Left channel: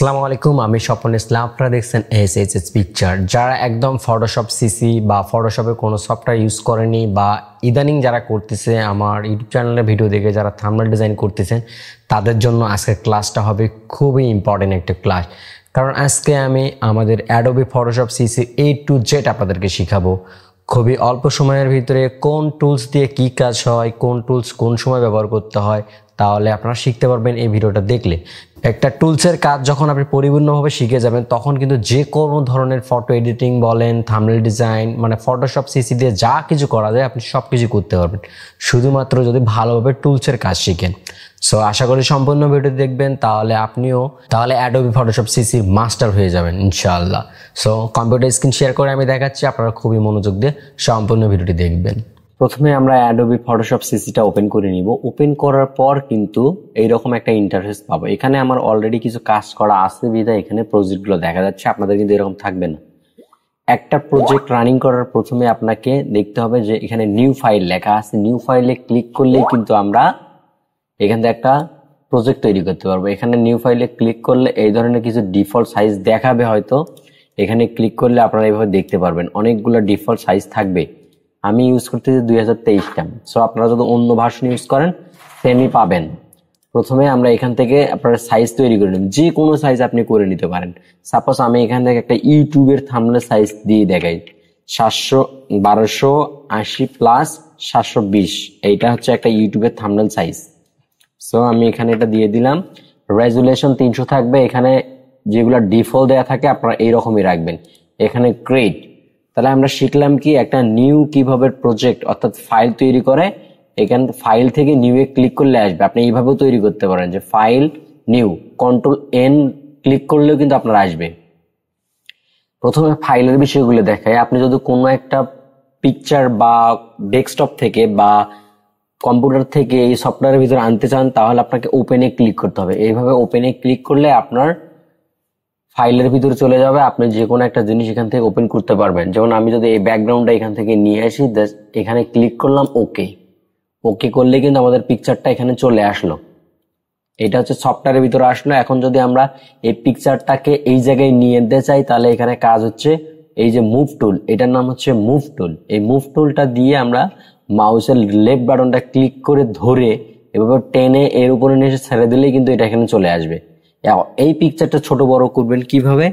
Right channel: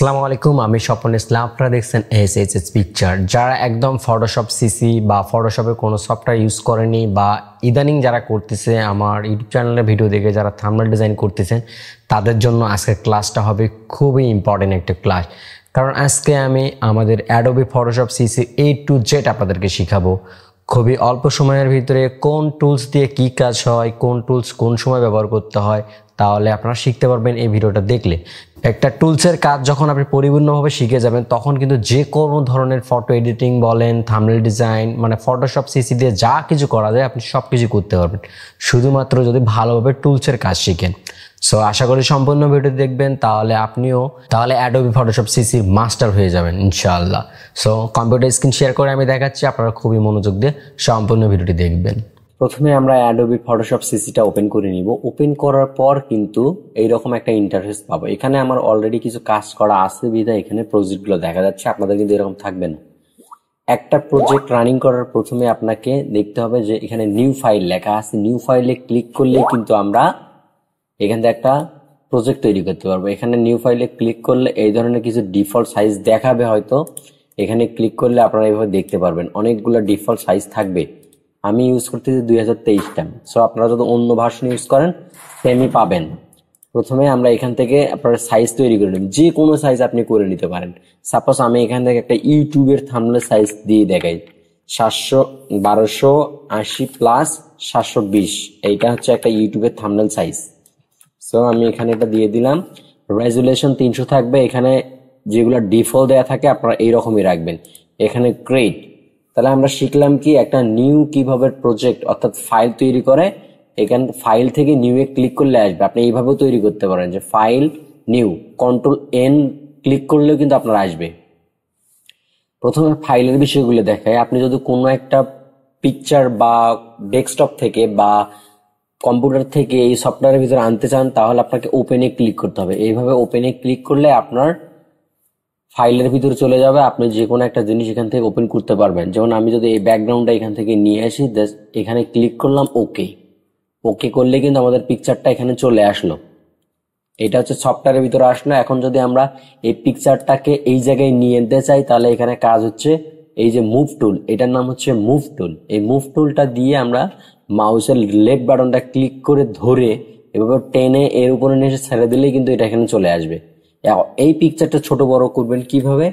আসসালামু আলাইকুম, আমি স্বপন ইসলাম। আপনারা দেখছেন এসএইচএস পিকচার। যারা একদম ফটোশপ সিসি বা ফটোশপের কোনো সফটওয়্যার ইউজ করেনি বা ইদানিং যারা করতেছে, আমার ইউটিউব চ্যানেলে ভিডিও দেখে যারা থাম্বনেল ডিজাইন করতেছেন, তাদের জন্য আজকের ক্লাসটা হবে খুবই ইম্পর্টেন্ট একটা ক্লাস। কারণ আজকে আমি আমাদের Adobe Photoshop CC A to Z আপনাদেরকে শিখাবো। খুবই অল্প সময়ের ভিতরে কোন টুলস দিয়ে কি কাজ হয়, কোন টুলস কোন সময় ব্যবহার করতে হয়, তাহলে আপনারা শিখতে পারবেন এই ভিডিওটা দেখলে। একটা টুলসের কাজ যখন আপনি পরিপূর্ণভাবে শিখে যাবেন, তখন কিন্তু যে কোনো ধরনের ফটো এডিটিং বলেন, থাম্বনেল ডিজাইন, মানে ফটোশপ সিসি দিয়ে যা কিছু করা যায় আপনি সব কিছু করতে পারবেন, শুধুমাত্র যদি ভালোভাবে টুলসের কাজ শিখেন। সো আশা করি সম্পূর্ণ ভিডিও দেখবেন, তাহলে অ্যাডোবি ফটোশপ সিসির মাস্টার হয়ে যাবেন ইনশাআল্লাহ। সো কম্পিউটার স্ক্রিন শেয়ার করে আমি দেখাচ্ছি, আপনারা খুবই মনোযোগ দিয়ে সম্পূর্ণ ভিডিওটি দেখবেন। প্রথমে আমরা অ্যাডোবি ফটোশপ সিসিটা ওপেন করে নিব। ওপেন করার পর কিন্তু এইরকম একটা ইন্টারফেস পাবো। এখানে আমার অলরেডি কিছু কাজ করা আছে বিধায় এখানে প্রজেক্টগুলো দেখা যাচ্ছে, আপনাদের কিন্তু এরকম থাকবে না। একটা প্রজেক্ট রানিং করার প্রথমে আপনাকে দেখতে হবে যে এখানে নিউ ফাইল লেখা আছে। নিউ ফাইলে ক্লিক করলেই কিন্তু আমরা এখান থেকে একটা প্রজেক্ট তৈরি করতে পারবো। এখানে নিউ ফাইলে ক্লিক করলে এই ধরনের কিছু ডিফল্ট সাইজ দেখাবে, হয়তো এখানে ক্লিক করলে আপনারা এইভাবে দেখতে পারবেন অনেকগুলো ডিফল্ট সাইজ থাকবে। আমি ইউজ করতেছি 2023টা। সো আপনারা যদি অন্য ভার্সন ইউজ করেন সেমই পাবেন। প্রথমে আমরা এখান থেকে আপনার সাইজ তৈরি করে নিব, যে কোনো সাইজ আপনি করে নিতে পারেন। সাপোজ আমি এখান থেকে একটা ইউটিউবের থাম্বনেল সাইজ দিয়ে দেখাই, 1280 প্লাস 720, এইটা হচ্ছে একটা ইউটিউবের থাম্বনেল সাইজ। সো আমি এখানে এটা দিয়ে দিলাম। রেজুলেশন 300 থাকবে। এখানে যেগুলো ডিফল্ট দেয়া থাকে আপনারা এইরকমই রাখবেন। এখানে ক্রিয়েট, তাহলে আমরা শিখলাম কি একটা নিউ কিভাবে প্রজেক্ট অর্থাৎ ফাইল তৈরি করে। এখান ফাইল থেকে নিউ এ ক্লিক করলে আসবে। আপনি এইভাবেও তৈরি করতে পারেন যে ফাইল নিউ, Ctrl+N ক্লিক করলেও কিন্তু আপনার আসবে। প্রথমে ফাইলের বিষয়গুলো দেখায়। আপনি যদি কোনো একটা পিকচার বা ডেস্কটপ থেকে বা কম্পিউটার থেকে এই সফটওয়্যারের ভিতরে আনতে চান, তাহলে আপনাকে ওপেনে ক্লিক করতে হবে। এইভাবে ওপেনে ক্লিক করলে আপনার ফাইলের ভিতরে চলে যাবে, আপনি যে কোনো একটা জিনিস এখান থেকে ওপেন করতে পারবেন। যেমন আমি যদি এই ব্যাকগ্রাউন্ডটা এখান থেকে নিয়ে আসি, এখানে ক্লিক করলাম, ওকে করলে কিন্তু আমাদের পিকচারটা এখানে চলে আসলো। এটা হচ্ছে সফটওয়্যারের ভিতরে আসলো। এখন যদি আমরা এই পিকচারটাকে এই জায়গায় নিয়ে যেতে চাই, তাহলে এখানে কাজ হচ্ছে এই যে মুভ টুল, এটার নাম হচ্ছে মুভ টুল। এই মুভ টুলটা দিয়ে আমরা মাউসের লেফট বাটনটা ক্লিক করে ধরে এভাবে টেনে এর উপরে নিয়ে এসে ছেড়ে দিলেই কিন্তু এটা এখানে চলে আসবে। এই পিকচারটা ছোট বড় করবেন কিভাবে?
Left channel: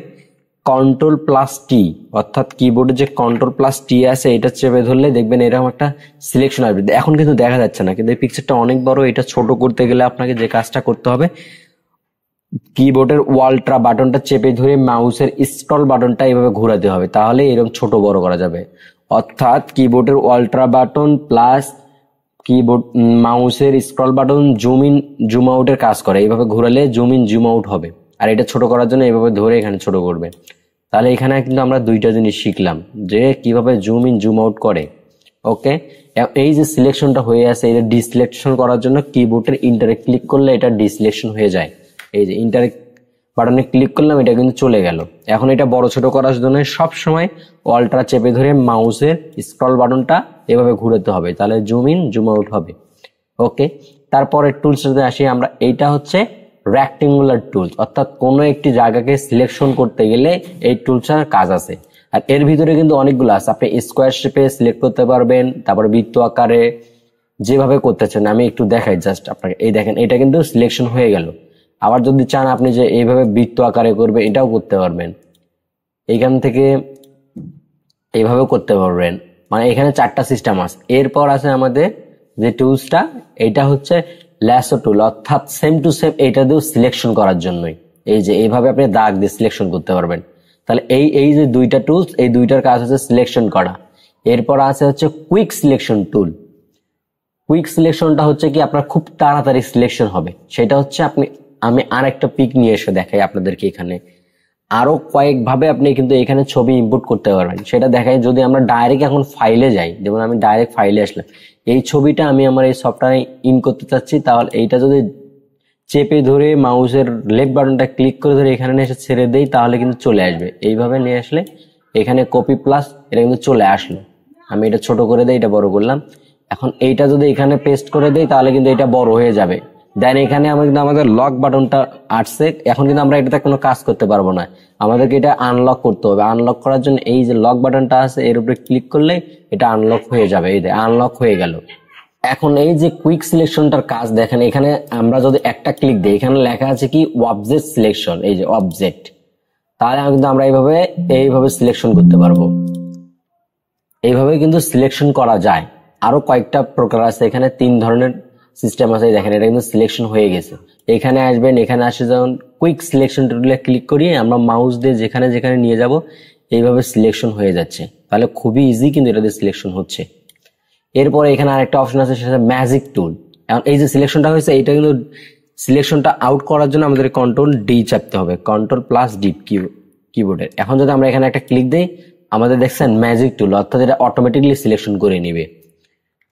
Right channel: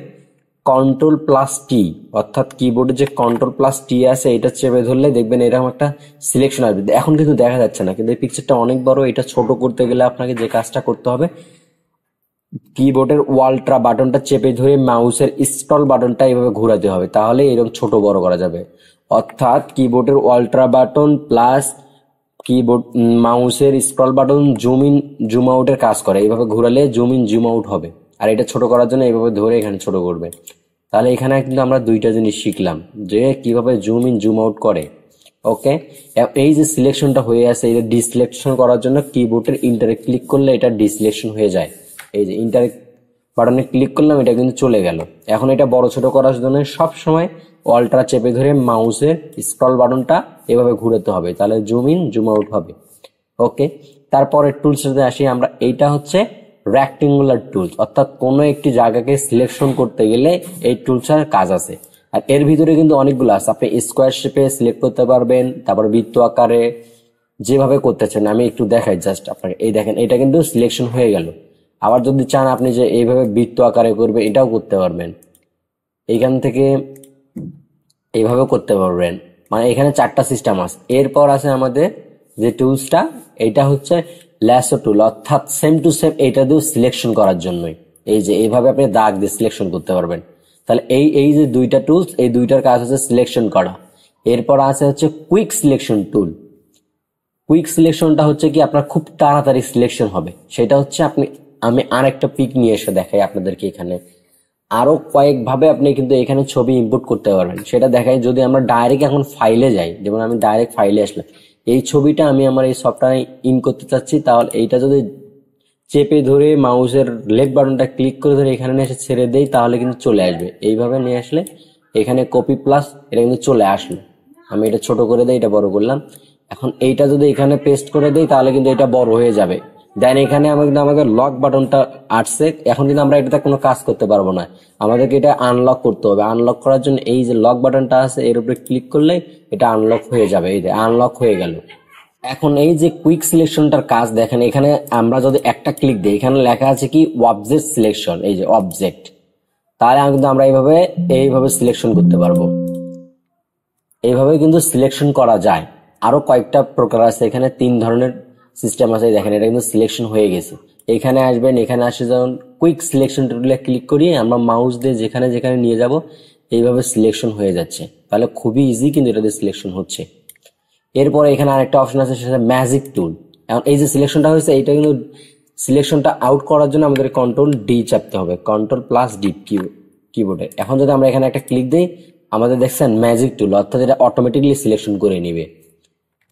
Ctrl+T, অর্থাৎ কিবোর্ডে যে Ctrl+T আছে এটা চেপে ধরলে দেখবেন এরকম একটা সিলেকশন আসবে। এখন কিন্তু দেখা যাচ্ছে না, কিন্তু এই পিকচারটা অনেক বড়। এটা ছোট করতে গেলে আপনাকে যে কাজটা করতে হবে, কিবোর্ডের ওয়াল্ট্রা বাটনটা চেপে ধরে মাউসের স্ক্রল বাটনটা এইভাবে ঘোরাতে হবে, তাহলে এরকম ছোট বড় করা যাবে। অর্থাৎ কিবোর্ডের ওয়াল্ট্রা বাটন প্লাস কিবোর্ড মাউসের scroll button zoom in zoom আউটের কাজ করে। এইভাবে ঘোরালে জুম ইন জুম আউট হবে। আর এটা ছোট করার জন্য এইভাবে ধরে এখানে ছোট করবে। তাহলে এখানে কিন্তু আমরা দুইটা জিনিস শিখলাম যে কিভাবে জুম ইন জুম আউট করে। ওকে, এই যে সিলেকশনটা হয়ে আছে, এটা ডিসিলেকশন করার জন্য কিবোর্ডের ইন্টারে ক্লিক করলে এটা ডিসিলেকশন হয়ে যায়। এই যে ইন্টারে বাটনে ক্লিক করলাম, এটা কিন্তু চলে গেল। এখন এটা বড় ছোট করার জন্য সব সময় অল্ট্রা চেপে ধরে মাউসের স্ক্রল বাটনটা এভাবে ঘুরাতে হবে, তাহলে জুম ইন জুম আউট হবে। ওকে, তারপরে টুলসে আসি আমরা। এইটা হচ্ছে রেক্টেঙ্গুলার টুলস, অর্থাৎ কোনো একটি জায়গাকে সিলেকশন করতে গেলে এই টুলসের কাজ আছে। আর এর ভিতরে কিন্তু অনেকগুলো আছে। আপনি স্কোয়ার শেপে সিলেক্ট করতে পারবেন, তারপর বৃত্ত আকারে, যেভাবে করতেছেন আমি একটু দেখাই জাস্ট আপনাকে। এই দেখেন, এটা কিন্তু সিলেকশন হয়ে গেল। আবার যদি চান আপনি যে এইভাবে বৃত্ত আকারে করবে, এটাও করতে পারবেন। এইখান থেকে এইভাবে করতে পারবেন। মানে এখানে 4টা সিস্টেম আছে। এরপর আছে আমাদের যে টুলসটা, এটা হচ্ছে ল্যাসো টুল, অর্থাৎ সেম টু সেম এটা দিয়েও সিলেকশন করার জন্যই। এই যে এইভাবে আপনি দাগ দিয়ে সিলেকশন করতে পারবেন। তাহলে এই যে দুইটা টুলস, এই দুইটার কাজ হচ্ছে সিলেকশন করা। এরপর আছে হচ্ছে কুইক সিলেকশন টুল। কুইক সিলেকশনটা হচ্ছে কি আপনার খুব তাড়াতাড়ি সিলেকশন হবে। সেটা হচ্ছে আমি আর একটা পিক নিয়ে এসে দেখাই আপনাদেরকে। এখানে আরো কয়েকভাবে আপনি কিন্তু এখানে ছবি ইম্পোর্ট করতে পারবেন, সেটা দেখাই। যদি আমরা ডাইরেক্ট এখন ফাইলে যাই, যেমন আমি ডাইরেক্ট ফাইলে আসলাম, এই ছবিটা আমি আমার এই সফটওয়্যারে ইন করতে চাচ্ছি, তাহলে এইটা যদি চেপে ধরে মাউসের লেফট বাটনটা ক্লিক করে ধরে এখানে এসে ছেড়ে দেই, তাহলে কিন্তু চলে আসবে। এইভাবে নিয়ে আসলে এখানে কপি প্লাস এটা কিন্তু চলে আসলো। আমি এটা ছোট করে দেই, এটা বড় করলাম। এখন এইটা যদি এখানে পেস্ট করে দেই, তাহলে কিন্তু এটা বড় হয়ে যাবে। দেন এখানে আমাদের লক বাটনটা আসছে। এখন কিন্তু আমরা এটাতে কোনো কাজ করতে পারবো না, আমাদেরকে এটা আনলক করতে হবে। আনলক করার জন্য এই যে লক বাটনটা আছে এর উপরে ক্লিক করলে এটা আনলক হয়ে যাবে। এই যে আনলক হয়ে গেল। এখন এই যে কুইক সিলেকশনটার কাজ দেখেন, এখানে আমরা যদি একটা ক্লিক দিই এখানে লেখা আছে কি অবজেক্ট সিলেকশন, এই যে অবজেক্ট, তাহলে কিন্তু আমরা এইভাবে সিলেকশন করতে পারবো। এইভাবে কিন্তু সিলেকশন করা যায়। আরো কয়েকটা প্রকার আছে, এখানে 3 ধরনের সিস্টেম আছে। দেখেন এটা কিন্তু সিলেকশন হয়ে গেছে। এখানে আসবেন, এখানে আসে যখন কুইক সিলেকশন টুলে ক্লিক করি আমরা মাউস দিয়ে যেখানে যেখানে নিয়ে যাব এইভাবে সিলেকশন হয়ে যাচ্ছে। তাহলে খুবই ইজি কিন্তু এটা দিয়ে সিলেকশন হচ্ছে। এরপরে এখানে আরেকটা অপশন আছে সেটা ম্যাজিক টুল। এখন এই যে সিলেকশনটা হয়েছে এটা কিন্তু সিলেকশনটা আউট করার জন্য আমাদের কন্ট্রোল ডি চাপতে হবে, কন্ট্রোল+D কিবোর্ডে। এখন যদি আমরা এখানে একটা ক্লিক দিই আমাদের দেখছেন ম্যাজিক টুল, অর্থাৎ এটা অটোমেটিকলি সিলেকশন করে নিবে।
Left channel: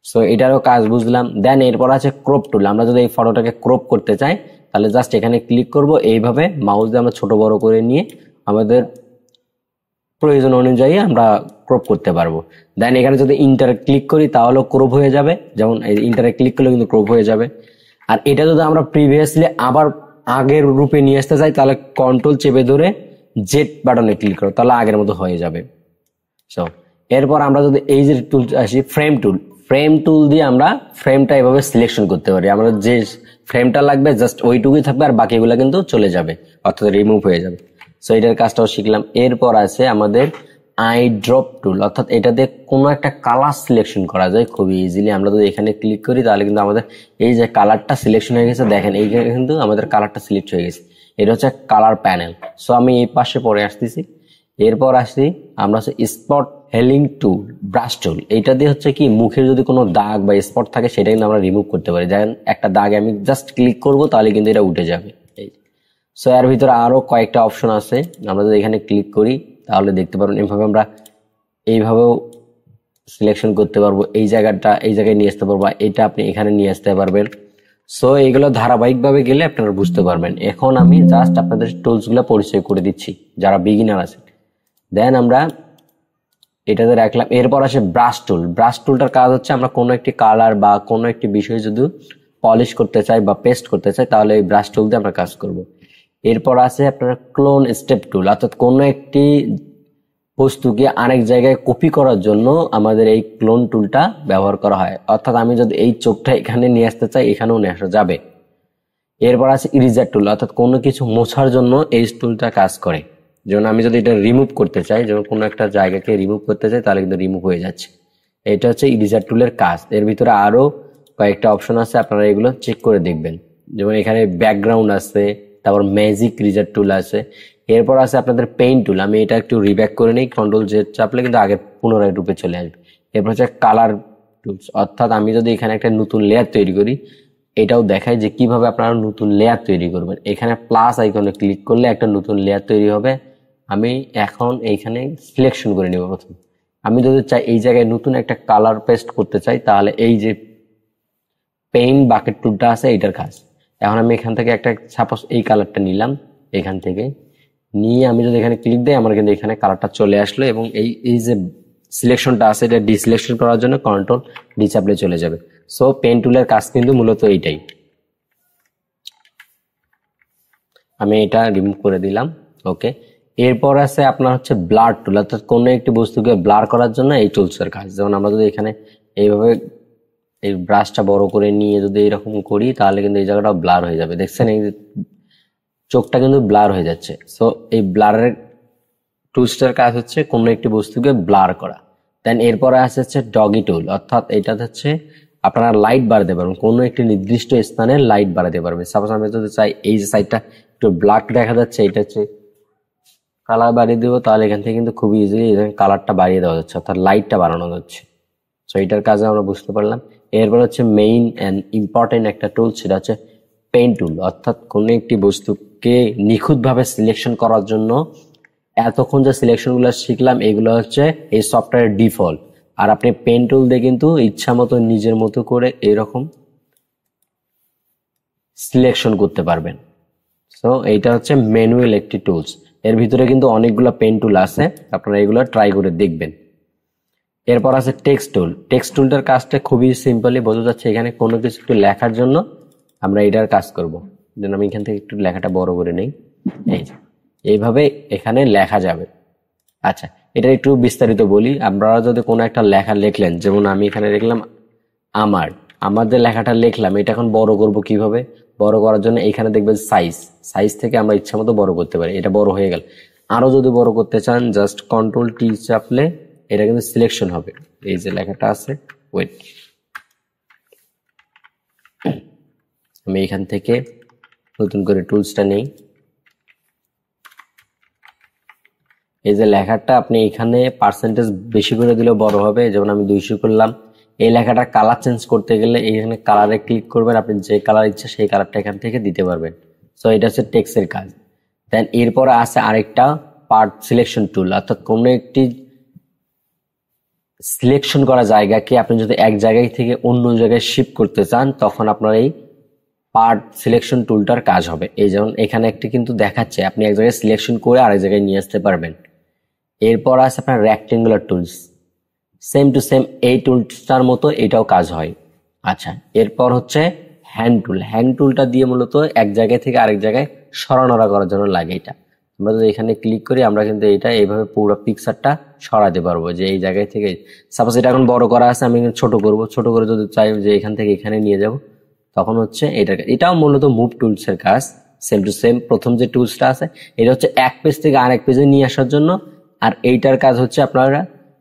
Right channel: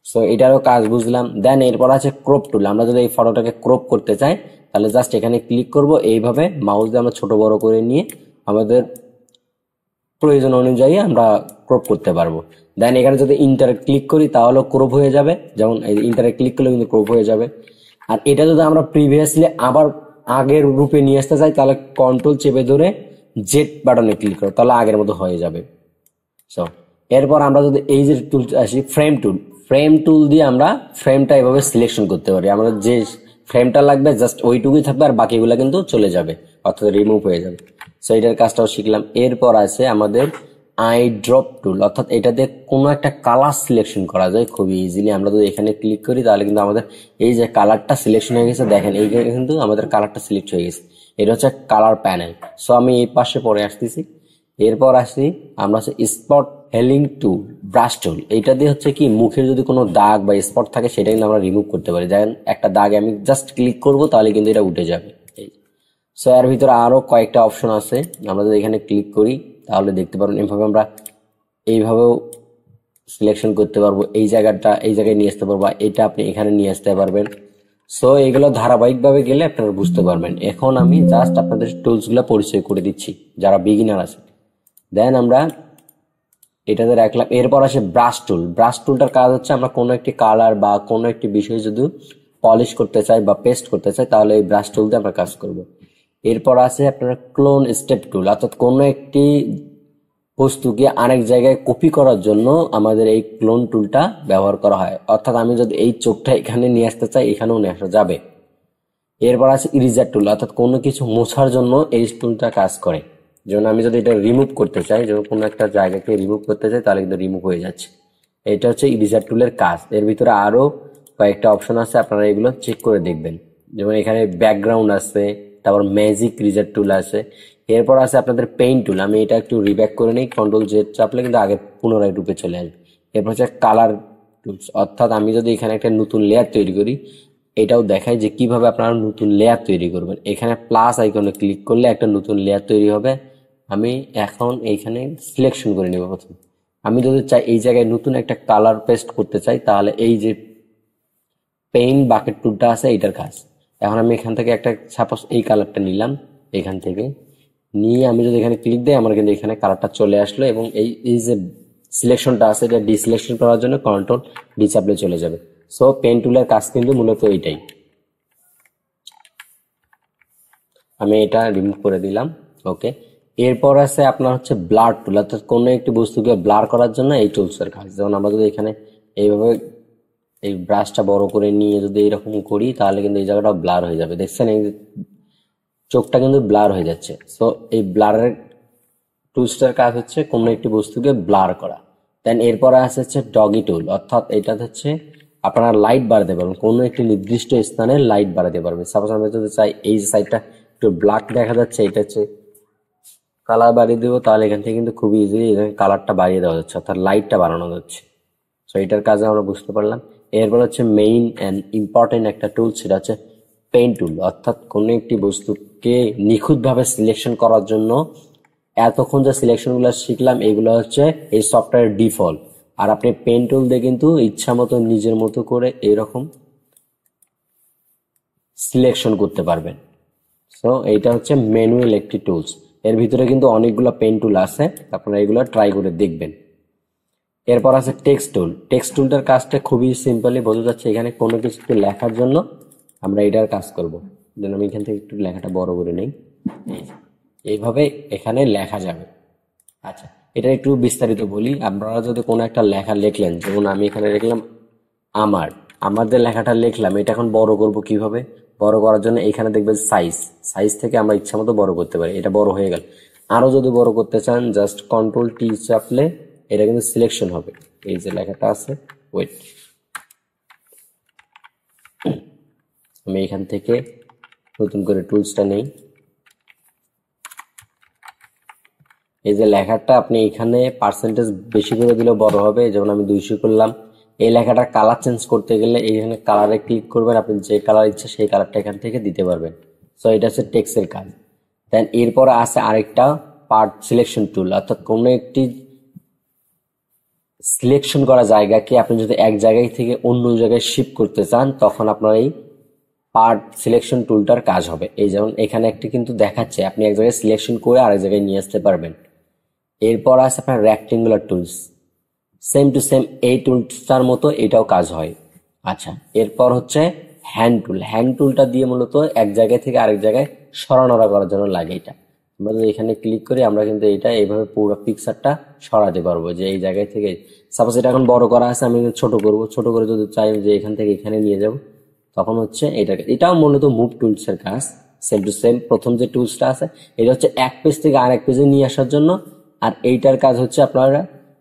সো এটারও কাজ বুঝলাম। দেন এরপর আছে ক্রপ টুল। আমরা যদি এই ফটোটাকে ক্রপ করতে চাই তাহলে জাস্ট এখানে ক্লিক করব, এইভাবে মাউস দিয়ে আমরা ছোট বড় করে নিয়ে আমাদের প্রয়োজন অনুযায়ী আমরা ক্রপ করতে পারবো। দেন এখানে যদি ইন্টারে ক্লিক করি তাহলেও ক্রপ হয়ে যাবে, যেমন ইন্টারে ক্লিক করলে কিন্তু ক্রপ হয়ে যাবে। আর এটা যদি আমরা প্রিভিয়াসলি আবার আগের রূপে নিয়ে আসতে চাই তাহলে কন্ট্রোল চেপে ধরে জেড বাটনে ক্লিক করো, তাহলে আগের মতো হয়ে যাবে। সো এরপর আমরা যদি এই যে টুল আসি ফ্রেম টুল দিয়ে আমরা ফ্রেমটা এভাবে সিলেকশন করতে পারি। আমরা যে ফ্রেমটা লাগবে জাস্ট ওইটুকুই থাকবে আর বাকিগুলো কিন্তু চলে যাবে, অর্থাৎ রিমুভ হয়ে যাবে। সো এটার কাজটাও শিখলাম। এরপর আছে আমাদের আই ড্রপ টুল, অর্থাৎ এটা দিয়ে কোনো একটা কালার সিলেকশন করা যায় খুবই ইজিলি। আমরা যদি এখানে ক্লিক করি তাহলে কিন্তু আমাদের এই যে কালারটা সিলেকশন হয়ে গেছে, দেখেন এইখানে কিন্তু আমাদের কালারটা সিলেক্ট হয়ে গেছে। এটা হচ্ছে কালার প্যানেল। সো আমি এই পাশে পরে আসতেছি। এরপর আসি আমরা হচ্ছে স্পট হেলিং টুল, ব্রাশ টুল। এটা দিয়ে হচ্ছে কি মুখের যদি কোনো দাগ বা স্পট থাকে সেটা কিন্তু আমরা রিমুভ করতে পারি। যেমন একটা দাগে আমি জাস্ট ক্লিক করব তাহলে কিন্তু এটা উঠে যাবে। সো এর ভিতরে আরো কয়েকটা অপশন আছে, আমরা যদি এখানে ক্লিক করি তাহলে দেখতে পারবেন এইভাবে আমরা এইভাবেও সিলেকশন করতে পারবো। এই জায়গায় নিয়ে আসতে পারবো, এটা আপনি এখানে নিয়ে আসতে পারবেন। সো এইগুলো ধারাবাহিকভাবে গেলে আপনারা বুঝতে পারবেন। এখন আমি জাস্ট আপনাদের টুলস গুলা পরিচয় করে দিচ্ছি যারা বিগিনার আছে। দেন আমরা এটাতে রাখলাম। এরপর আসে ব্রাশ টুল। ব্রাশ টুলটার কাজ হচ্ছে আমরা কোনো একটি কালার বা কোনো একটি বিষয় যদি পলিশ করতে চাই বা পেস্ট করতে চাই তাহলে এই ব্রাশ টুল দিয়ে আমরা কাজ করব। এরপর আছে আপনারা ক্লোন স্টেপ টুল, অর্থাৎ কোনো একটি বস্তুকে আরেক জায়গায় কপি করার জন্য আমাদের এই ক্লোন টুলটা ব্যবহার করা হয়। অর্থাৎ আমি যদি এই চোখটা এখানে নিয়ে আসতে চাই এখানেও নিয়ে আসা যাবে। এরপর আছে ইরেজার টুল, অর্থাৎ কোনো কিছু মোছার জন্য এই টুলটা কাজ করে। যেমন আমি যদি এটা রিমুভ করতে চাই, যেমন কোনো একটা জায়গাকে রিমুভ করতে চাই তাহলে কিন্তু রিমুভ হয়ে যাচ্ছে। এটা হচ্ছে ইরেজার টুলের কাজ। এর ভিতরে আরো কয়েকটা অপশন আছে, আপনারা এগুলো চেক করে দেখবেন। যেমন এখানে ব্যাকগ্রাউন্ড আছে, তারপর ম্যাজিক ইরেজার টুল আছে। এরপর আছে আপনাদের পেইন্ট টুল। আমি এটা একটু রিব্যাক করে নিই, কন্ট্রোল জেড চাপলে কিন্তু আগে পুনরায় রূপে চলে আসবে। এরপর হচ্ছে কালার টুলস, অর্থাৎ আমি যদি এখানে একটা নতুন লেয়ার তৈরি করি এটাও দেখায় যে কিভাবে আপনারা নতুন লেয়ার তৈরি করবেন। এখানে প্লাস আইকনে ক্লিক করলে একটা নতুন লেয়ার তৈরি হবে। আমি এখন এইখানে সিলেকশন করে নেব প্রথম। আমি যদি চাই এই জায়গায় নতুন একটা কালার পেস্ট করতে চাই তাহলে এই যে পেইন্ট বাকেট টুলটা আছে এইটার কাজ। এখন আমি এখান থেকে একটা সাপোজ এই কালারটা নিলাম, এখান থেকে নিয়ে আমি যদি এখানে ক্লিক দিই আমার কিন্তু এখানে কালারটা চলে আসলো এবং এই যে সিলেকশনটা আছে এটা ডিসিলেকশন করার জন্য কন্ট্রোল ডি চাপলে চলে যাবে। সো পেন টুলের কাজ কিন্তু মূলত এইটাই। আমি এটা রিমুভ করে দিলাম। ওকে, এরপর আছে আপনার হচ্ছে ব্লার টুল, অর্থাৎ কোনো একটি বস্তুকে ব্লার করার জন্য এই টুলসের কাজ। যেমন আমরা যদি এখানে এইভাবে এই ব্রাশটা বড় করে নিয়ে যদি এরকম করি তাহলে কিন্তু এই জায়গাটা ব্লার হয়ে যাবে। দেখছেন এই চোখটা কিন্তু ব্লার হয়ে যাচ্ছে। সো এই ব্লারের টুলসটার কাজ হচ্ছে কোনো একটি বস্তুকে ব্লার করা। দেন এরপরে আসে হচ্ছে ডগি টুল, অর্থাৎ এটা হচ্ছে আপনারা লাইট বাড়াতে পারবেন, কোনো একটি নির্দিষ্ট স্থানে লাইট বাড়াতে পারবেন। সাপোজ আমি যদি চাই এই যে সাইডটা একটু ব্ল্যাক দেখা যাচ্ছে, এটা হচ্ছে কালার বাড়িয়ে দেবো, তাহলে এখান থেকে কিন্তু খুবই ইজিলি কালারটা বাড়িয়ে দেওয়া যাচ্ছে, অর্থাৎ লাইটটা বাড়ানো যাচ্ছে। সো এটার কাজে আমরা বুঝতে পারলাম। এরপর হচ্ছে মেইন অ্যান্ড ইম্পর্টেন্ট একটা টুল, সেটা হচ্ছে পেইন্ট টুল, অর্থাৎ কোনো একটি বস্তুকে নিখুঁতভাবে সিলেকশন করার জন্য এতক্ষণ যে সিলেকশনগুলো শিখলাম এগুলো হচ্ছে এই সফটওয়্যারের ডিফল্ট। আর আপনি পেন টুল দিয়ে কিন্তু ইচ্ছা মতো নিজের মতো করে এরকম সিলেকশন করতে পারবেন। সো এইটা হচ্ছে ম্যানুয়াল একটি টুলস। এর ভিতরে কিন্তু অনেকগুলো পেন টুল আছে, আপনারা এগুলো ট্রাই করে দেখবেন। এরপর আছে টেক্সট টুল। টেক্সট টুলটার কাজটা খুবই সিম্পলি বোঝা যাচ্ছে। এখানে কোনো কিছু একটু লেখার জন্য আমরা এটার কাজ করব। যেন আমি এখান থেকে একটু লেখাটা বড় করে নেই। এই যে এইভাবে এখানে লেখা যাবে। আচ্ছা, এটা একটু বিস্তারিত বলি। আপনারা যদি কোনো একটা লেখা লিখলেন, যেমন আমি এখানে লিখলাম আমার যে লেখাটা লিখলাম এটা এখন বড় করব কিভাবে? বড় করার জন্য এখানে দেখবেন সাইজ থেকে আমরা ইচ্ছা মতো বড় করতে পারি। এটা বড় হয়ে গেল। আরো যদি বড় করতে চান জাস্ট কন্ট্রোল টি চাপলে এটা কিন্তু সিলেকশন হবে। এই যে লেখাটা আছে, ওয়েট, আমি এখান থেকে নতুন করে টুলসটা নেই। এই যে লেখাটা আপনি এখানে পার্সেন্টেজ বেশি করে দিলেও বড় হবে। যেমন আমি 200 করলাম। এই লেখাটা কালার চেঞ্জ করতে গেলে এখানে কালারে ক্লিক করবেন, আপনি যে কালার ইচ্ছা সেই কালারটা এখান থেকে দিতে পারবেন। সো এটা হচ্ছে টেক্সটের কাজ। দেন এরপর আছে আরেকটা পার্ট সিলেকশন টুল, অর্থাৎ কোনো একটি সিলেকশন করা জায়গাকে আপনি যদি এক জায়গায় থেকে অন্য জায়গায় শিফট করতে চান তখন আপনার এই পার্ট সিলেকশন টুলটার কাজ হবে। এই যেমন এখানে একটি কিন্তু দেখাচ্ছে আপনি এক জায়গায় সিলেকশন করে আরেক জায়গায় নিয়ে আসতে পারবেন। এরপর আছে আপনার rectangular tools, same to same এই টুলসটার মতো এটাও কাজ হয়। আচ্ছা, এরপর হচ্ছে হ্যান্ড টুলটা দিয়ে মূলত এক জায়গায় থেকে আরেক জায়গায় সরানোড়া করার জন্য লাগে। এটা আমরা যদি এখানে ক্লিক করি আমরা কিন্তু এটা এইভাবে পুরো পিকচারটা সরাতে পারবো, যে এই জায়গায় থেকে সাপোজ এটা এখন বড় করা আছে, আমি ছোট করব, ছোট করে যদি চাই যে এখান থেকে এখানে নিয়ে যাব তখন হচ্ছে এটাও মূলত মুভ টুলসের কাজ। সেম টু সেম প্রথম যে টুলসটা আছে এটা হচ্ছে এক পেজ থেকে আরেক পেজে নিয়ে আসার জন্য, আর এইটার কাজ হচ্ছে আপনারা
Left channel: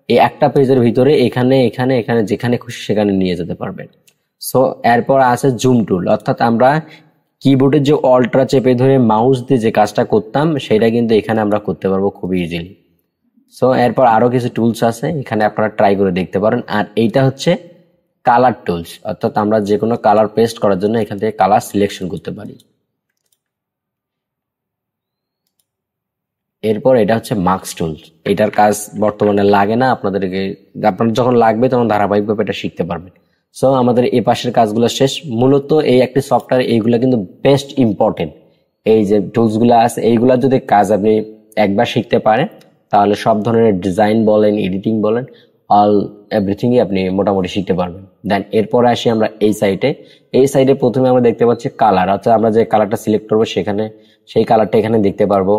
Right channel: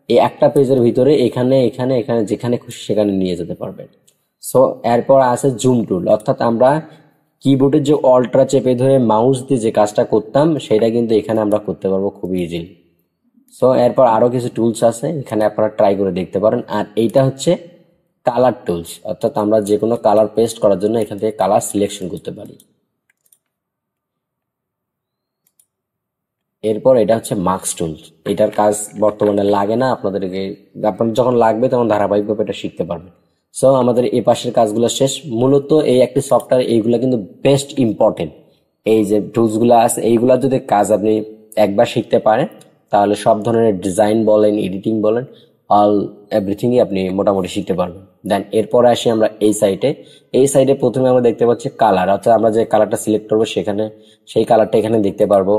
এই একটা পেজের ভিতরে এখানে এখানে এখানে যেখানে খুশি সেখানে নিয়ে যেতে পারবেন। সো এরপর আছে জুম টুল, অর্থাৎ আমরা কিবোর্ডের যে অল্ট্রা চেপে ধরে মাউস দিয়ে যে কাজটা করতাম সেটা কিন্তু এখানে আমরা করতে পারবো খুব ইজিলি। সো এরপর আরো কিছু টুলস আছে, এখানে আপনারা ট্রাই করে দেখতে পারেন। আর এইটা হচ্ছে কালার টুলস, অর্থাৎ আমরা যে কোনো কালার পেস্ট করার জন্য এখান থেকে কালার সিলেকশন করতে পারি। এরপর এটা হচ্ছে মার্কস টুলস, এটার কাজ বর্তমানে লাগে না আপনাদেরকে, আপনার যখন লাগবে তখন ধারাবাহিকভাবে এটা শিখতে পারবেন। সো আমাদের এই পাশের কাজগুলো শেষ। মূলত এই একটি সফটওয়্যার এইগুলা কিন্তু বেস্ট ইম্পর্টেন্ট। এই যে টুলসগুলো আছে এইগুলা যদি কাজ আপনি একবার শিখতে পারেন তাহলে সব ধরনের ডিজাইন বলেন, এডিটিং বলেন, অল এভরিথিংই আপনি মোটামুটি শিখতে পারবেন। দেন এরপরে আসি আমরা এই সাইডে প্রথমে আমরা দেখতে পাচ্ছি কালার, অর্থাৎ আমরা যে কালারটা সিলেক্ট করবো সেখানে সেই কালারটা এখানে দেখতে পারবো।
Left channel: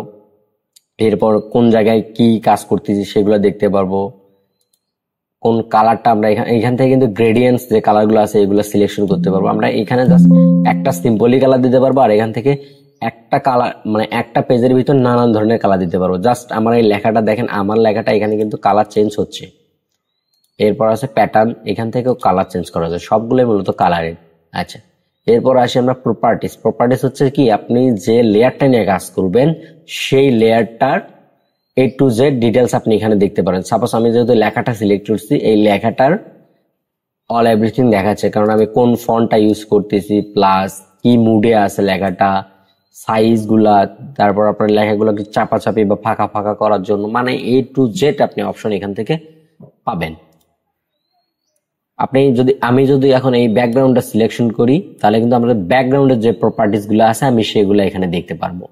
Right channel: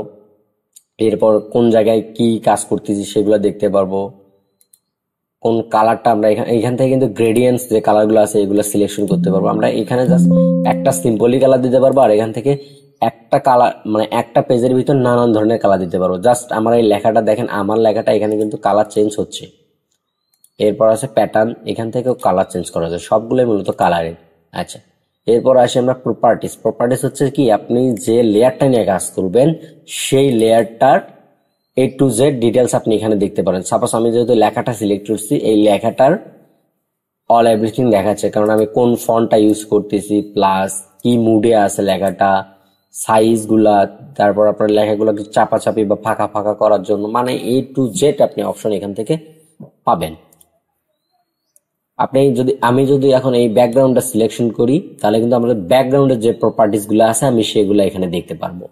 এরপর কোন জায়গায় কি কাজ করতেছি সেগুলো দেখতে পারবো। কোন কালারটা আমরা এখান থেকে কিন্তু গ্রেডিয়েন্টস যে কালারগুলো আছে এগুলো সিলেকশন করতে পারবো। আমরা এখানে জাস্ট একটা সিম্পলি কালার দিতে পারবো, আর এখান থেকে একটা কালার মানে একটা পেজের ভিতর নানান ধরনের কালার দিতে পারবো। জাস্ট আমার এই লেখাটা দেখেন, আমার লেখাটা এখানে কিন্তু কালার চেঞ্জ হচ্ছে। এরপর আছে প্যাটার্ন, এখান থেকেও কালার চেঞ্জ করা যায়, সবগুলোই মূলত কালারের। আচ্ছা, এরপর আসি আমরা প্রপার্টিস হচ্ছে কি আপনি যে লেয়ারটা নিয়ে কাজ করবেন সেই লেয়ারটার A to Z ডিটেলস আপনি এখানে দেখতে পারেন। সাপোজ আমি যেহেতু লেখাটা সিলেক্ট করছি, এই লেখাটার অল এভরিথিং দেখাচ্ছে, কারণ আমি কোন ফন্টটা ইউজ করতেছি, প্লাস কি মুডে আছে লেখাটা, সাইজ গুলা, তারপর আপনার লেখাগুলোকে চাপাচাপি বা ফাঁকা ফাঁকা করার জন্য, মানে A to Z আপনি অপশন এখান থেকে পাবেন। আমি যদি এখন এই ব্যাকগ্রাউন্ডটা সিলেকশন করি তাহলে কিন্তু আমাদের ব্যাকগ্রাউন্ডের যে প্রপার্টিস গুলো আছে আমি সেগুলো এখানে দেখতে পারবো।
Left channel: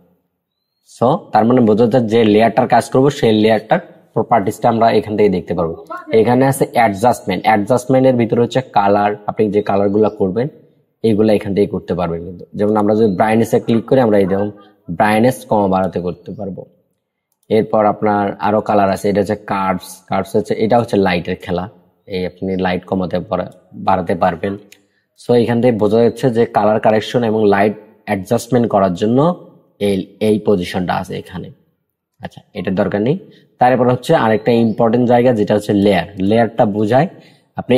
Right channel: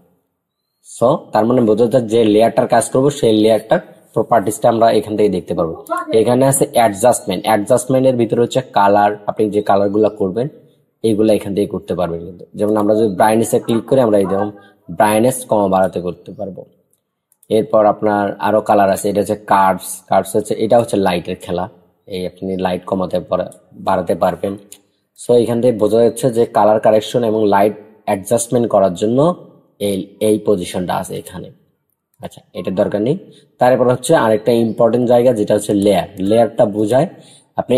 সো তার মানে বোঝা যায় যে লেয়ারটার কাজ করবো সেই লেয়ারটার প্রপার্টিসটা আমরা এখান থেকে দেখতে পারবো। এখানে আছে অ্যাডজাস্টমেন্টের ভিতরে হচ্ছে কালার, আপনি যে কালার গুলা করবেন এইগুলা এখান থেকে করতে পারবেন। কিন্তু যেমন আমরা যদি ব্রাইটনেসে ক্লিক করি আমরা এই যেমন ব্রাইটনেস কমা বাড়াতে করতে পারবো। এরপর আপনার আরো কালার আছে, এটা হচ্ছে কার্ভস হচ্ছে, এটা হচ্ছে লাইটের খেলা, এই আপনি লাইট কমাতে বাড়াতে পারবেন। সো এখান থেকে বোঝা যাচ্ছে যে কালার কারেকশন এবং লাইট অ্যাডজাস্টমেন্ট করার জন্য এই পজিশনটা আছে এখানে। আচ্ছা, এটার দরকার নেই। তারপর হচ্ছে আরেকটা ইম্পর্টেন্ট জায়গা যেটা হচ্ছে লেয়ারটা বোঝায় আপনি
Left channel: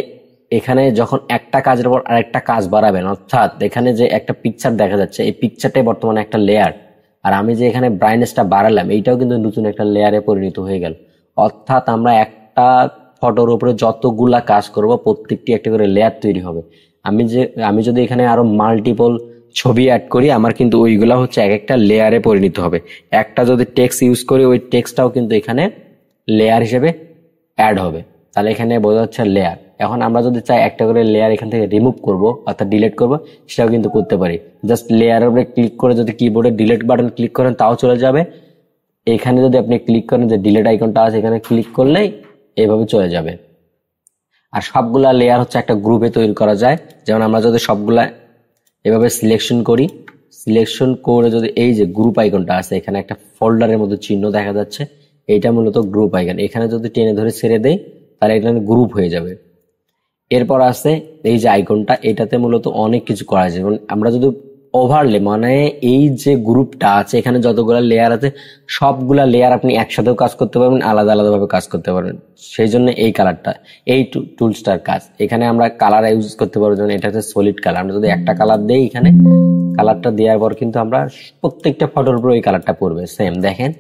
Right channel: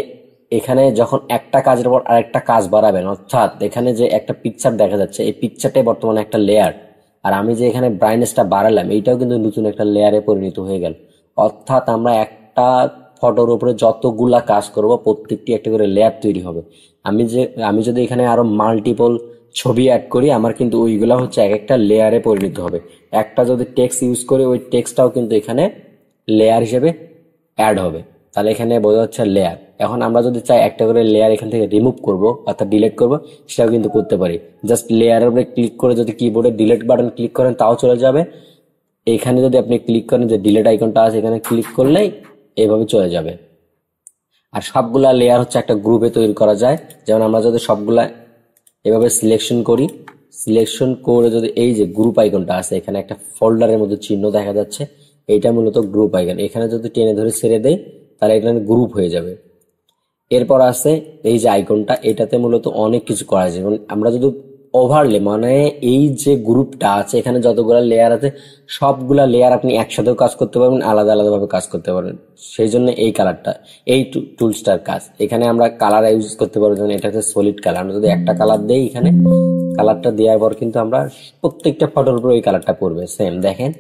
এখানে যখন একটা কাজের পর আরেকটা কাজ বাড়াবেন, অর্থাৎ এখানে যে একটা পিকচার দেখা যাচ্ছে এই পিকচারটাই বর্তমানে একটা লেয়ার, আর আমি যে এখানে ব্রাইটনেসটা বাড়ালাম এইটাও কিন্তু নতুন একটা লেয়ারে পরিণত হয়ে গেল। অর্থাৎ আমরা একটা ফটোর উপরে যতগুলা কাজ করব প্রত্যেকটি একটা করে লেয়ার তৈরি হবে। আমি যদি এখানে আরো মাল্টিপল ছবি অ্যাড করি আমার কিন্তু ওইগুলা হচ্ছে এক একটা লেয়ারে পরিণত হবে। একটা যদি টেক্সট ইউজ করি ওই টেক্সটটাও কিন্তু এখানে লেয়ার হিসেবে অ্যাড হবে। তাহলে এখানে বোঝা যাচ্ছে লেয়ার। এখন আমরা যদি চাই একটা করে লেয়ার এখান থেকে রিমুভ করব অর্থাৎ ডিলিট করব, সেটাও কিন্তু করতে পারি। জাস্ট লেয়ারের উপরে ক্লিক করে যদি কিবোর্ডে ডিলিট বাটন ক্লিক করেন তাও চলে যাবে। এখানে যদি আপনি ক্লিক করেন যে ডিলিট আইকনটা আছে এখানে ক্লিক করলেই এইভাবে চলে যাবে। আর সবগুলা লেয়ার হচ্ছে একটা গ্রুপে তৈরি করা যায়। যেমন আমরা যদি সবগুলা এভাবে সিলেকশন করি, সিলেকশন করে যদি এই যে গ্রুপ আইকনটা আছে এখানে একটা ফোল্ডারের মধ্যে চিহ্ন দেখা যাচ্ছে, এইটা মূলত গ্রুপ আইকন। এখানে যদি টেনে ধরে ছেড়ে দেই তাহলে এটা গ্রুপ হয়ে যাবে। এরপর আছে এই যে আইকনটা, এটাতে মূলত অনেক কিছু করা যায়। যেমন আমরা যদি ওভারলে মানে এই যে গ্রুপটা আছে এখানে যতগুলা লেয়ার আছে সবগুলা লেয়ার আপনি একসাথেও কাজ করতে পারবেন, আলাদা আলাদা ভাবে কাজ করতে পারবেন। সেই জন্য এই কালারটা, এই টুলসটার কাজ। এখানে আমরা কালার ইউজ করতে পারবো, যেমন এটা হচ্ছে সলিড কালার। আমরা যদি একটা কালার দেই এখানে, কালারটা দেওয়ার পর কিন্তু আমরা প্রত্যেকটা ফটোর উপর এই কালারটা পড়বে সেম। দেখেন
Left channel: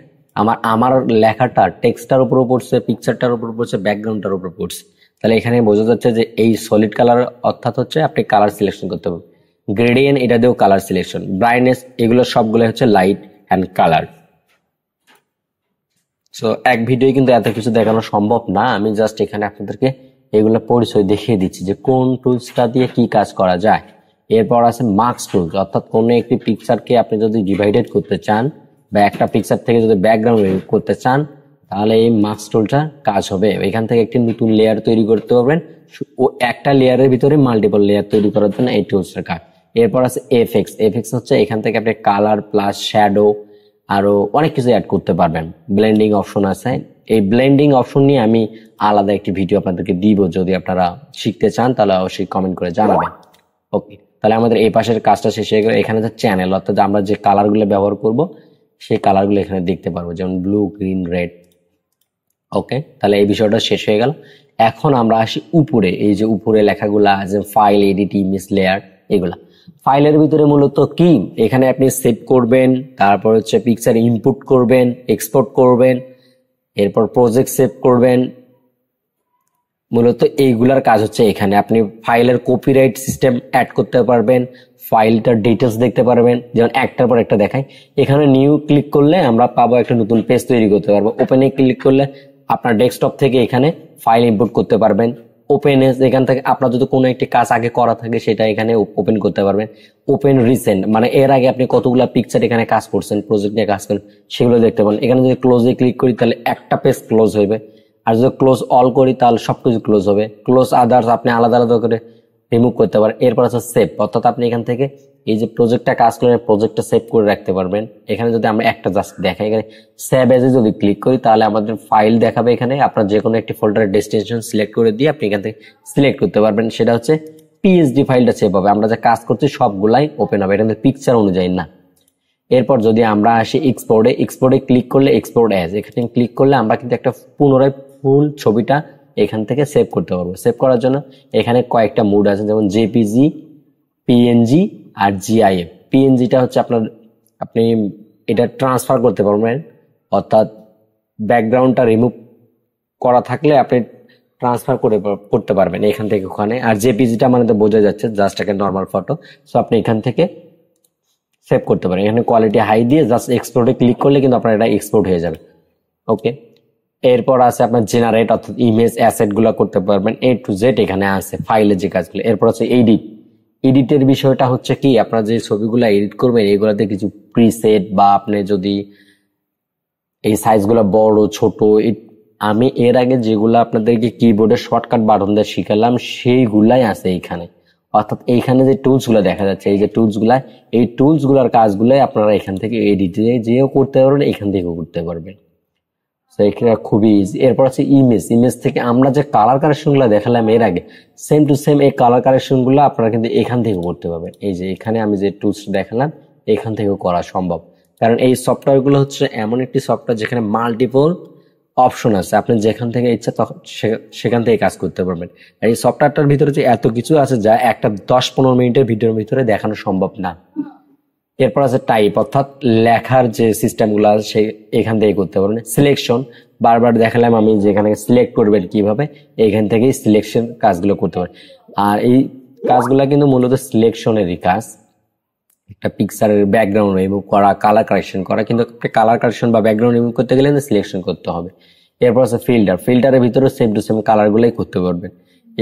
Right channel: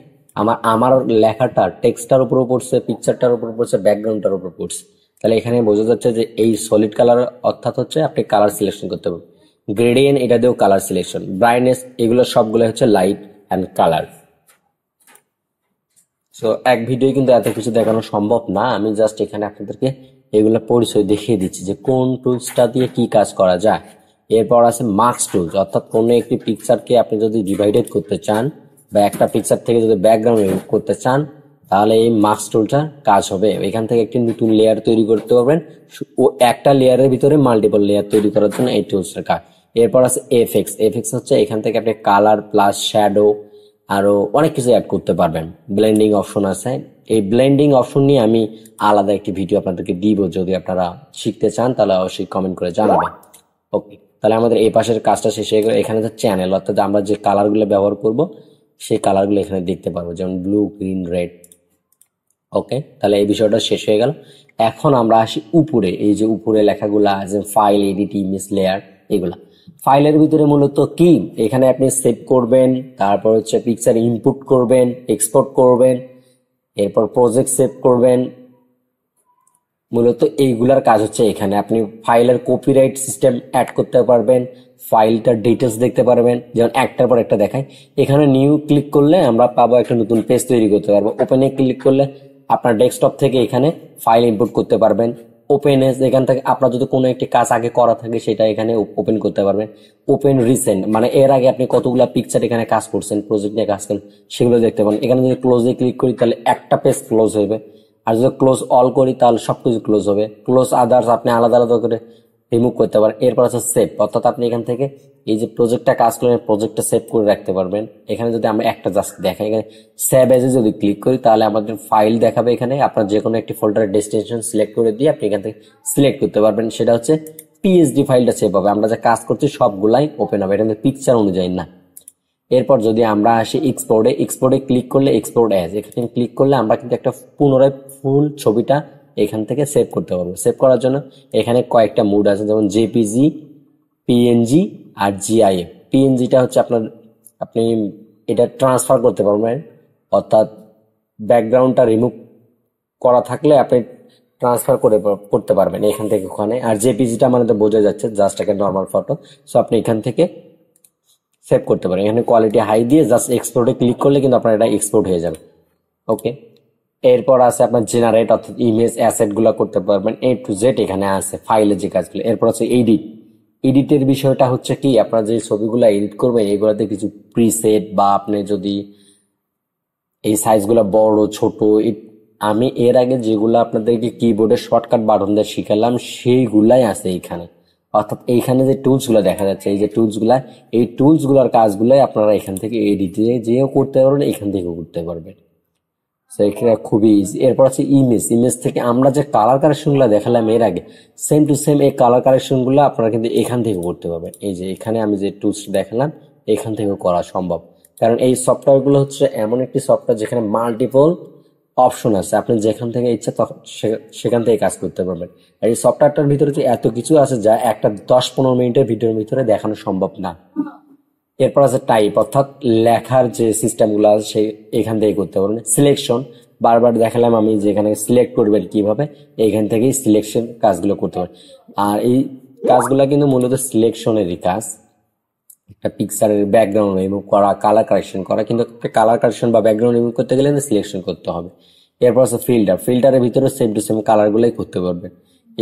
আমার লেখাটা টেক্সটার উপরও পড়ছে, পিকচারটার উপর পড়ছে, ব্যাকগ্রাউন্ডটার উপর পড়ছে। তাহলে এখানে বোঝা যাচ্ছে যে এই সলিড কালার অর্থাৎ হচ্ছে আপনি কালার সিলেকশন করতে পারবেন। গ্রেডিয়েন্ট এটা দিয়েও কালার সিলেকশন, ব্রাইটনেস এগুলো সবগুলো হচ্ছে লাইট অ্যান্ড কালার। সো এক ভিডিও কিন্তু এত কিছু দেখানো সম্ভব না, আমি জাস্ট এখানে আপনাদেরকে এগুলো পরিচয় দেখিয়ে দিচ্ছি যে কোন টুলসটা দিয়ে কি কাজ করা যায়। এরপর আছে মাস্ক টুলস, অর্থাৎ কোনো একটি পিকচারকে আপনি যদি ডিভাইডেড করতে চান বা একটা পিকচার থেকে যদি ব্যাকগ্রাউন্ড রিমুভ করতে চান তাহলে এই মাস্ক টুলটা কাজ হবে। এখান থেকে একটি নতুন লেয়ার তৈরি করতে পারবেন, ও একটা লেয়ারের ভিতরে মাল্টিপল লেয়ার তৈরি করার জন্য এই টুলসটার কাজ। এরপর আছে এফএক্স। এফএক্স হচ্ছে এখান থেকে আপনি কালার প্লাস শ্যাডো আরো অনেক কিছু অ্যাড করতে পারবেন। ব্লেন্ডিং অপশন আছে, এই ব্লেন্ডিং অপশন নিয়ে আমি আলাদা একটি ভিডিও আপনাদেরকে দিব, যদি আপনারা শিখতে চান তাহলে অবশ্যই কমেন্ট করে জানাবেন। ওকে, তাহলে আমাদের এই পাশের কাজটা শেষ হয়ে গেল। এখানে যে চ্যানেল, অর্থাৎ আমরা যে কালারগুলো ব্যবহার করব সেই কালারগুলো এখানে দেখতে পারবো, যেমন ব্লু, গ্রিন, রেড। ওকে, তাহলে এই বিষয়টা শেষ হয়ে গেল। এখন আমরা আসি উপরে, এই যে উপরে লেখাগুলা আছে ফাইল, এডিট, ইমেজ, লেয়ার, এগুলা ফাইলের ভিতরে মূলত কি এখানে আপনি সেভ করবেন, তারপর হচ্ছে পিকচার ইনপুট করবেন, এক্সপোর্ট করবেন, এরপর প্রজেক্ট সেভ করবেন। মূলত এইগুলার কাজ হচ্ছে এখানে আপনি ফাইলের কপিরাইট সিস্টেম অ্যাড করতে পারবেন, ফাইলটার ডিটেলস দেখতে পারবেন, যেমন একটার পর একটা দেখায়। এখানে নিউ ক্লিক করলে আমরা পাবো একটা নতুন পেজ তৈরি করতে পারবো। ওপেনে ক্লিক করলে আপনার ডেস্কটপ থেকে এখানে ফাইল ইম্পোর্ট করতে পারবেন। ওপেন এস, এখান থেকে আপনার যদি কোনো একটি কাজ আগে করা থাকে সেটা এখানে ওপেন করতে পারবেন। ওপেন রিসেন্ট মানে এর আগে আপনি কতগুলা পিকচার এখানে কাজ করছেন, প্রজেক্ট নিয়ে কাজ করেন, সেগুলো দেখতে পারেন। এখানে যদি ক্লোজে ক্লিক করি তাহলে একটা পেজ ক্লোজ হইবে, আর যদি ক্লোজ অল করি তাহলে সবকিছু ক্লোজ হবে। ক্লোজ আদার্স আপনি আলাদা আলাদা করে রিমুভ করতে পারেন। এরপর আছে সেভ, অর্থাৎ আপনি এখান থেকে এই যে প্রজেক্টটা কাজ করেন প্রজেক্টটা সেভ করে রাখতে পারবেন। এখানে যদি আমরা একটা জাস্ট দেখাই, এখানে সেভ এজে যদি ক্লিক করি তাহলে আমাদের ফাইল দেখাবে। এখানে আপনার যে কোনো একটি ফোল্ডারের ডেস্টিনেশন সিলেক্ট করে দিয়ে আপনি এখান থেকে সিলেক্ট করতে পারবেন, সেটা হচ্ছে পিএসডি ফাইলটা সেভ হবে। আমরা যা কাজ করছি সবগুলাই ওপেন হবে, এটা পিকচার অনুযায়ী না। এরপর যদি আমরা আসি এক্সপোর্টে, এক্সপোর্টে ক্লিক করলে এক্সপোর্ট অ্যাজ, এখানে ক্লিক করলে আমরা কিন্তু একটা পুনরায় ফুল ছবিটা এখান থেকে সেভ করতে পারবো। সেভ করার জন্য এখানে কয়েকটা মুড আছে, যেমন জেপিজি, পিএনজি আর জিআইএফ। পিএনজিটা হচ্ছে আপনি এটা ট্রান্সফার করতে পারবেন, অর্থাৎ ব্যাকগ্রাউন্ডটা রিমুভ করা থাকলে আপনি ট্রান্সফার করতে পারবেন এখান থেকে ওখানে। আর জেপিজিটা মানে তো বোঝা যাচ্ছে জাস্ট একটা নর্মাল ফটো, সো আপনি এখান থেকে সেভ করতে পারেন। এখানে কোয়ালিটি হাই দিয়ে জাস্ট এক্সপোর্টে ক্লিক করলে কিন্তু আপনার এটা এক্সপোর্ট হয়ে যাবে। ওকে, এরপর আছে আপনার জেনারেট, অর্থাৎ ইমেজ অ্যাসেট গুলো করতে পারবেন, এ টু জেড এখানে আছে ফাইলের যে কাজগুলো। এরপর আছে এডিট। এডিটের বিষয়টা হচ্ছে কি আপনার যে ছবিগুলো এডিট করবেন এগুলোতে কিছু প্রিসেট বা আপনি যদি এই সাইজগুলো বড় ছোট, আমি এর আগে যেগুলো আপনাদেরকে কিবোর্ডে শর্টকাট বাটন দিয়ে শিখালাম সেইগুলাই আছে এইখানে। অর্থাৎ এইখানে যে টুলস গুলা দেখা যাচ্ছে, এই যে টুলস গুলা, এই টুলস গুলার কাজগুলাই আপনারা এখান থেকে এডিটে যেও করতে পারবেন, এখান থেকেও করতে পারবেন। এখানে খুবই ইজি। এরপর আছে ইমেজ। ইমেজ থেকে আমরা যে কালার কারেকশন গুলো দেখালাম এর আগে, সেম টু সেম এই কালার কারেকশন গুলো আপনারা কিন্তু এখান থেকে করতে পারবেন। এই যে এখানে আমি যে টুলস দেখালাম এখান থেকেও করা সম্ভব, কারণ এই সফটওয়্যার গুলো হচ্ছে এমন একটি সফটওয়্যার যেখানে মাল্টিপল অপশন আছে, আপনি যেখান থেকে ইচ্ছা সেখান থেকে কাজ করতে পারবেন। এই সফটওয়্যারটার ভিতরে যে এত কিছু আছে যা একটা 10-15 মিনিটের ভিডিওর ভিতরে দেখানো সম্ভব না। এরপর আছে টাইপ, অর্থাৎ লেখার যে সিস্টেম গুলো আছে সেই এখান থেকে করতে পারবেন। সিলেকশন বারবার দেখালাম আমি, যেখানে সিলেক্ট করবেন কিভাবে, এখান থেকেই সিলেকশন কাজগুলো করতে পারেন। আর এই কাজগুলো কিন্তু মূলত সিলেকশনেরই কাজ, একটা পিকচারের ব্যাকগ্রাউন্ড রিমুভ করা, কালার কারেকশন করা, কিন্তু কালার কারেকশন বা ব্যাকগ্রাউন্ড রিমুভ করতে গেলে সিলেকশন করতে হবে। এরপর আছে ফিল্টার। ফিল্টারের ভিতরে সেম টু সেম কালার গুলাই করতে পারবেন।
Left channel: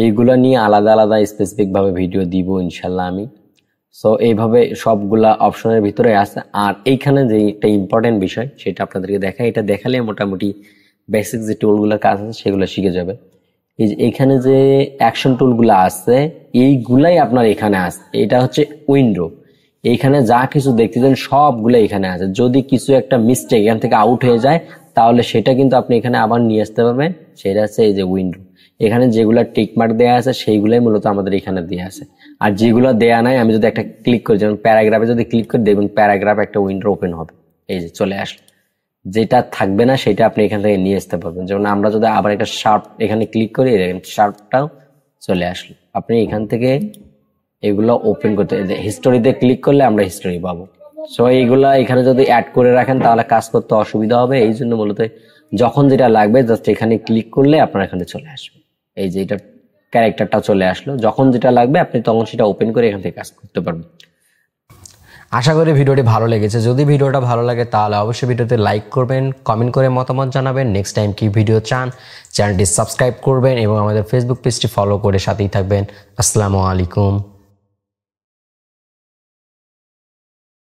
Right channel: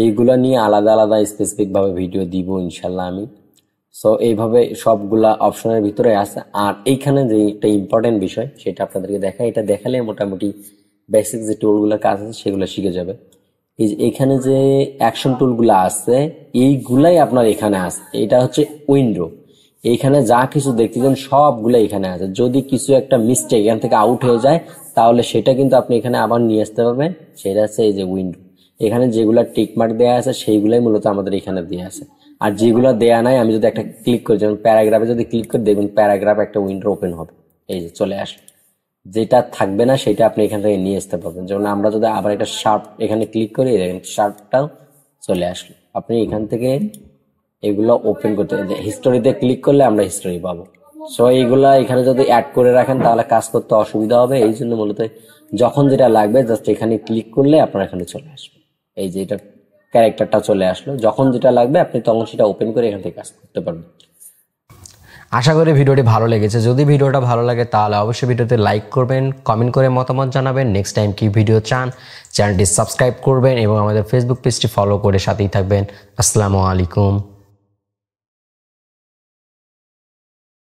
এইগুলো নিয়ে আলাদা আলাদা স্পেসিফিক ভাবে ভিডিও দিব ইনশাল্লাহ আমি। সো এইভাবে সবগুলা অপশনের ভিতরে আছে। আর এইখানে যে একটা ইম্পর্টেন্ট বিষয় সেটা আপনাদেরকে দেখাই, এটা দেখালে মোটামুটি বেসিক যে টুলগুলোর কাজ আছে সেগুলো শিখে যাবে। এই যে এখানে যে অ্যাকশন টুলগুলো আছে এইগুলাই আপনার এখানে আছে। এটা হচ্ছে উইন্ডো, এইখানে যা কিছু দেখতেছেন সবগুলো এখানে আছে। যদি কিছু একটা মিস্টেক এখান থেকে আউট হয়ে যায় তাহলে সেটা কিন্তু আপনি এখানে আবার নিয়ে আসতে পারবেন। সেটা হচ্ছে এই যে উইন্ডো, এখানে যেগুলো টিকমার্ক দেওয়া আছে সেইগুলাই মূলত আমাদের এখানে দেওয়া আছে। আর যেগুলো দেয়া নাই আমি যদি একটা ক্লিক করি, যেমন প্যারাগ্রাফে যদি ক্লিক করে দেখবেন প্যারাগ্রাফ একটা উইন্ডো ওপেন হবে, এই যে চলে আসলো। যেটা থাকবে না সেটা আপনি এখান থেকে নিয়ে আসতে পারবেন। যেমন আমরা যদি আবার একটা শার্প এখানে ক্লিক করি, শার্পটাও চলে আসলো। আপনি এখান থেকে এগুলো ওপেন করতে, হিস্টোরিতে ক্লিক করলে আমরা হিস্টোরি পাবো। সো এইগুলা এখানে যদি অ্যাড করে রাখেন তাহলে কাজ করতে অসুবিধা হবে। এই জন্য মূলত যখন যেটা লাগবে জাস্ট এখানে ক্লিক করলে আপনার এখানে চলে আসবে। এই যে এটা ক্যারেক্টারটা চলে আসলো, যখন যেটা লাগবে আপনি তখন সেটা ওপেন করে এখান থেকে কাজ করতে পারবেন। আশা করি ভিডিওটি ভালো লেগেছে। যদি ভিডিওটা ভালো লাগে তাহলে অবশ্যই ভিডিওতে লাইক করবেন, কমেন্ট করে মতামত জানাবেন, নেক্সট টাইম কি ভিডিও চান, চ্যানেলটি সাবস্ক্রাইব করবেন এবং আমাদের ফেসবুক পেজটি ফলো করে সাথেই থাকবেন। আসসালামু আলাইকুম।